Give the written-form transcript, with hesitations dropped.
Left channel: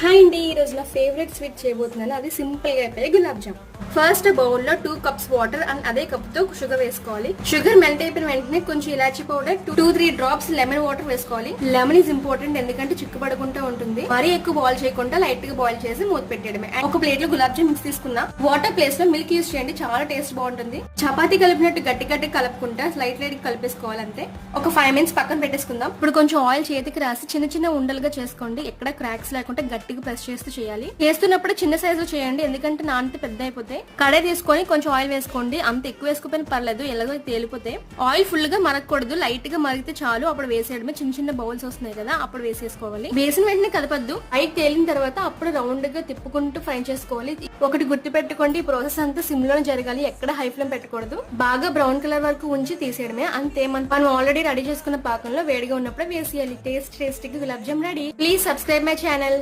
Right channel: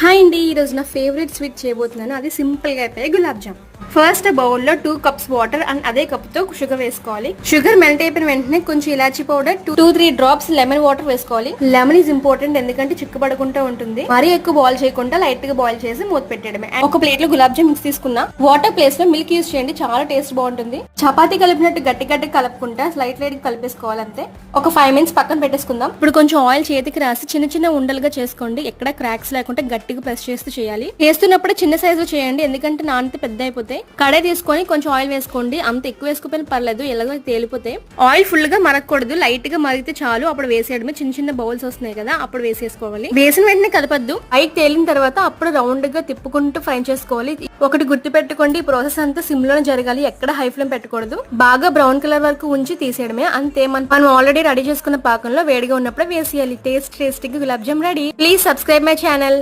Hi అండి, ఈరోజు నా ఫేవరెట్ స్వీట్ చేయబోతున్నాను. అది సింపుల్గా అయిపోయి గులాబ్ జామ్. ఫస్ట్ బౌల్లో 2 కప్స్ వాటర్ అండ్ అదే కప్తో షుగర్ వేసుకోవాలి. షుగర్ మెల్ట్ అయిపోయిన వెంటనే కొంచెం ఇలాచీ పౌడర్ 2-3 డ్రాప్స్ లెమన్ వాటర్ వేసుకోవాలి. లెమన్ ఈజ్ ఇంపార్టెంట్, ఎందుకంటే చిక్కుపడకుండా ఉంటుంది. మరీ ఎక్కువ బాయిల్ చేయకుండా లైట్ గా బాయిల్ చేసి మూత పెట్టడమే. ఒక ప్లేట్ లో గులాబ్ జామ్ మిక్స్ తీసుకున్నా. వాటర్ ప్లేస్ లో మిల్క్ యూస్ చేయండి, చాలా టేస్ట్ బాగుంటుంది. చపాతీ కలిపినట్టు గట్టి గట్టి కలుపుకుంటా లైట్ లైట్ కలిపేసుకోవాలి అంతే. ఒక 5 మినిట్స్ పక్కన పెట్టేసుకుందాం. ఇప్పుడు కొంచెం ఆయిల్ చేతికి రాసి చిన్న చిన్న ఉండలుగా చేసుకోండి. ఎక్కడ క్రాక్స్ లేకుండా గట్టిగా ప్రెస్ చేస్తూ చేయాలి. చేస్తున్నప్పుడు చిన్న సైజు లో చేయండి, ఎందుకంటే నానితే పెద్ద అయిపోతాయి. కడాయి తీసుకొని కొంచెం ఆయిల్ వేసుకోండి. అంత ఎక్కువ వేసుకోపోయినా పర్లేదు, ఎలాగో తేలిపోతే. ఆయిల్ ఫుల్ గా మరగకూడదు, లైట్ గా మరిగితే చాలు. అప్పుడు వేసేయడమే. చిన్న చిన్న బౌల్స్ వస్తున్నాయి కదా, అప్పుడు వేసేసుకోవాలి. వేసిన వెంటనే కలపద్దు. పైకి తేలిన తర్వాత అప్పుడు రౌండ్ గా తిప్పుకుంటూ ఫ్రై చేసుకోవాలి. ఒకటి గుర్తు పెట్టుకోండి, ఈ ప్రాసెస్ అంతా సిమ్ లో జరగాలి, ఎక్కడ హై ఫ్లేమ్ పెట్టకూడదు. బాగా బ్రౌన్ కలర్ వరకు ఉంచి తీసేయడమే అంతే. మనం ఆల్రెడీ రెడీ చేసుకున్న పాకంలో వేడిగా ఉన్నప్పుడు వేసేయాలి. టేస్టీగా gulab jam ready. Please subscribe my channel.